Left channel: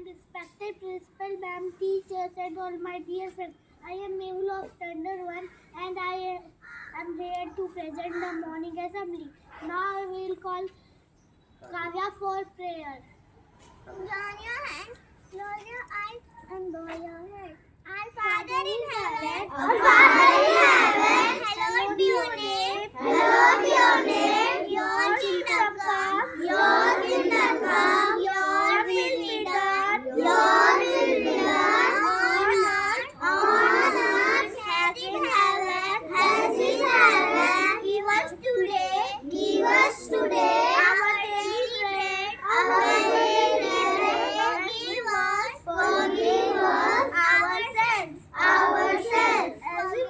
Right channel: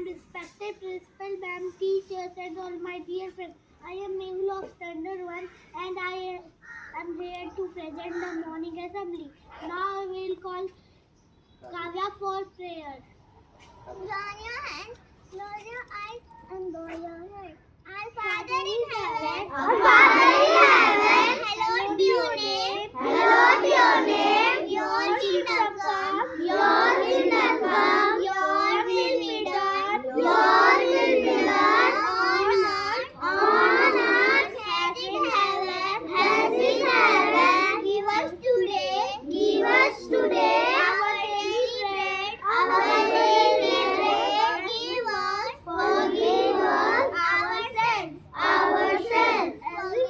and respected principal, ma'am, teachers, and all my dear friends. I am Mehul of Standard 1 and I am here to present the morning assembly. Now I will call Kavya for prayer. Join your hands, close your eyes, and bow your head. Our Father in heaven, hallowed be your name, hallowed be your name. Your kingdom come, your kingdom come, your will be done, your will be done on earth as in heaven, as in heaven. Give us today our daily bread, our daily bread. Forgive us our sins, as we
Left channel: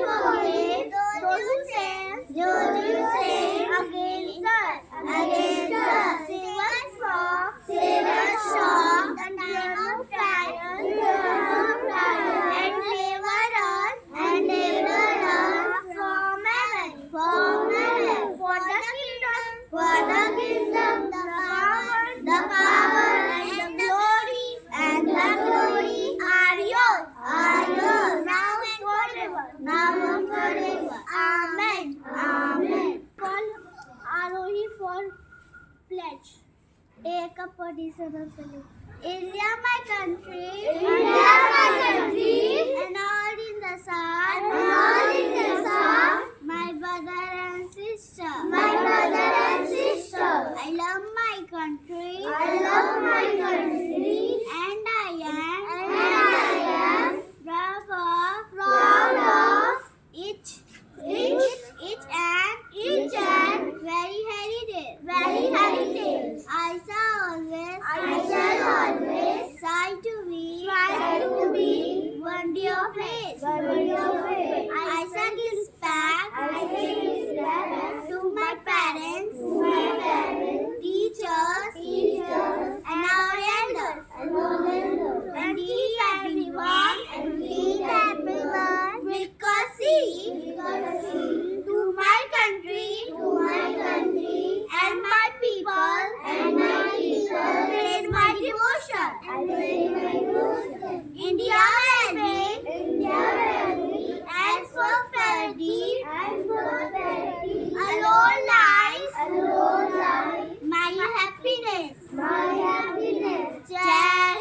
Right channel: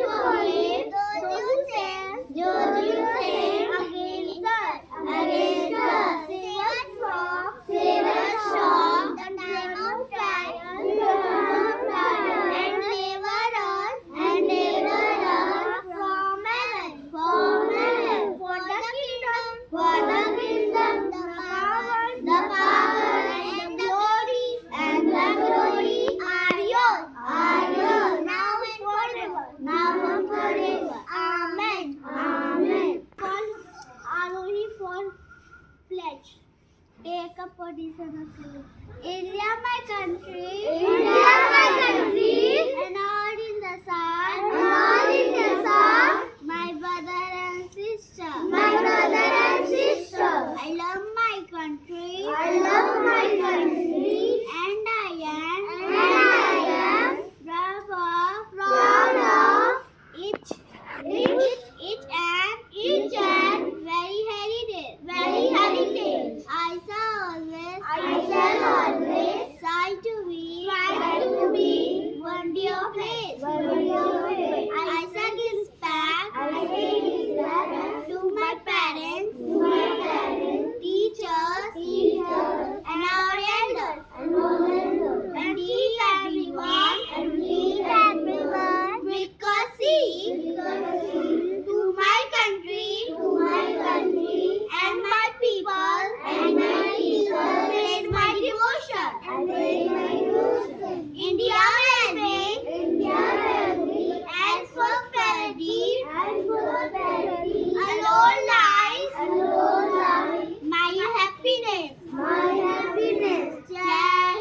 forgive those who sin against us. Save us from the time of trial, and deliver us from heaven. For the kingdom, the power, and the glory are yours, now and forever. Amen. Call Arohi for pledge. Take a position of salute. India, my country, and all in the sun, my brother and sister, I love my country, and I am proud of each and very heritage. I shall always try to be one dear place. I shall give respect to my parents, teachers, and our elders, and teach everyone with courtesy to my country and my people, praise my devotion. India will be as prosperity alone lies my happiness. Jai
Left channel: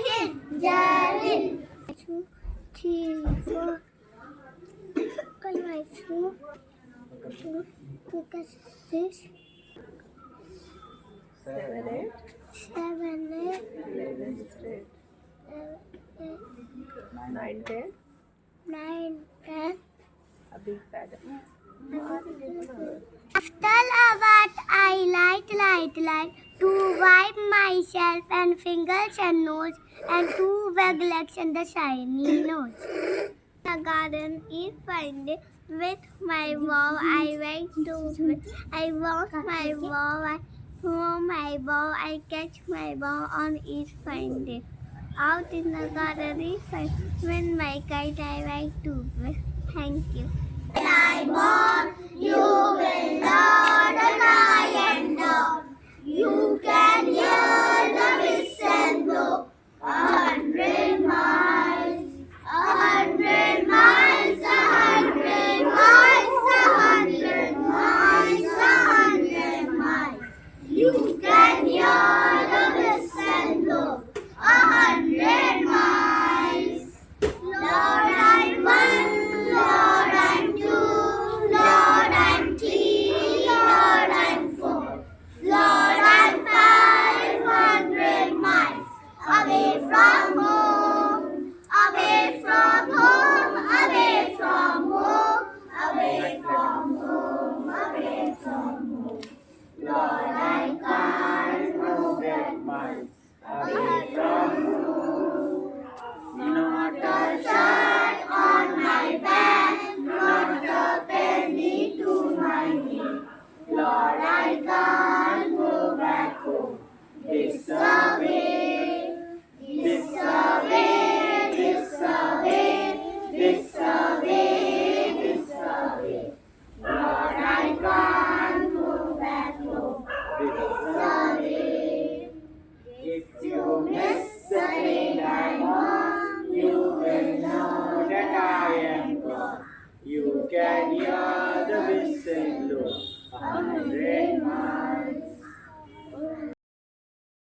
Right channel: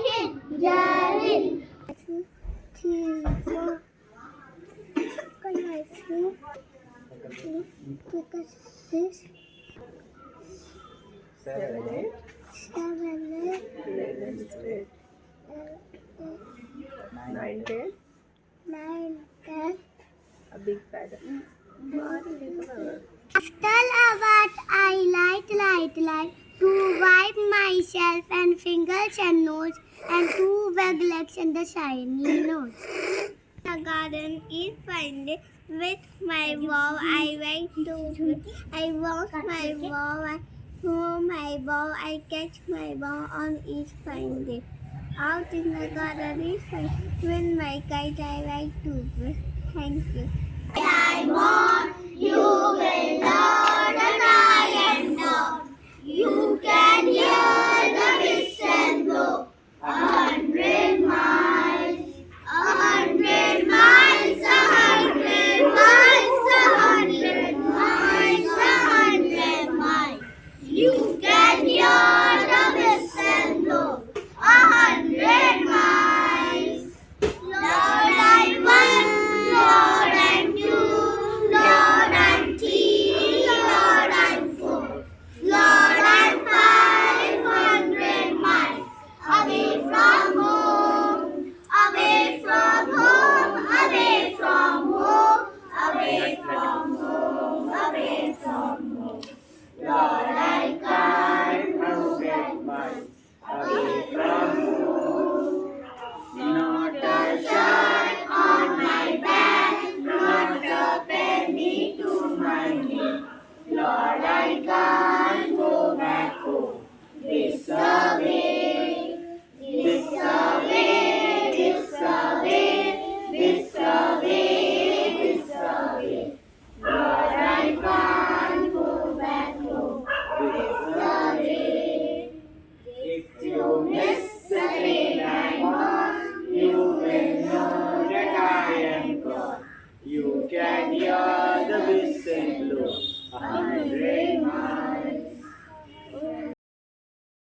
Hind. Nine, 10. A big feather. After what I like to wipe myself and fingers and nose and to wag legs and the shiny nose. The garden is fine with my bow. I walk my bow. I throw my bow. I catch my bow on each fine day. Out in the garden is fine with my kite. I like to play. Thank you. I'm born, you will learn and I am down. You can hear the whistle blow 100 miles, 100 miles, 100 miles, 100 miles, 100 miles. You can hear the whistle blow 100 miles. Lord, I'm one, Lord, I'm two, Lord, I'm three, Lord, I'm four, Lord, I'm 500 miles away from home, away from home, away from home, away from home, away from home. Lord, I can't 100 miles away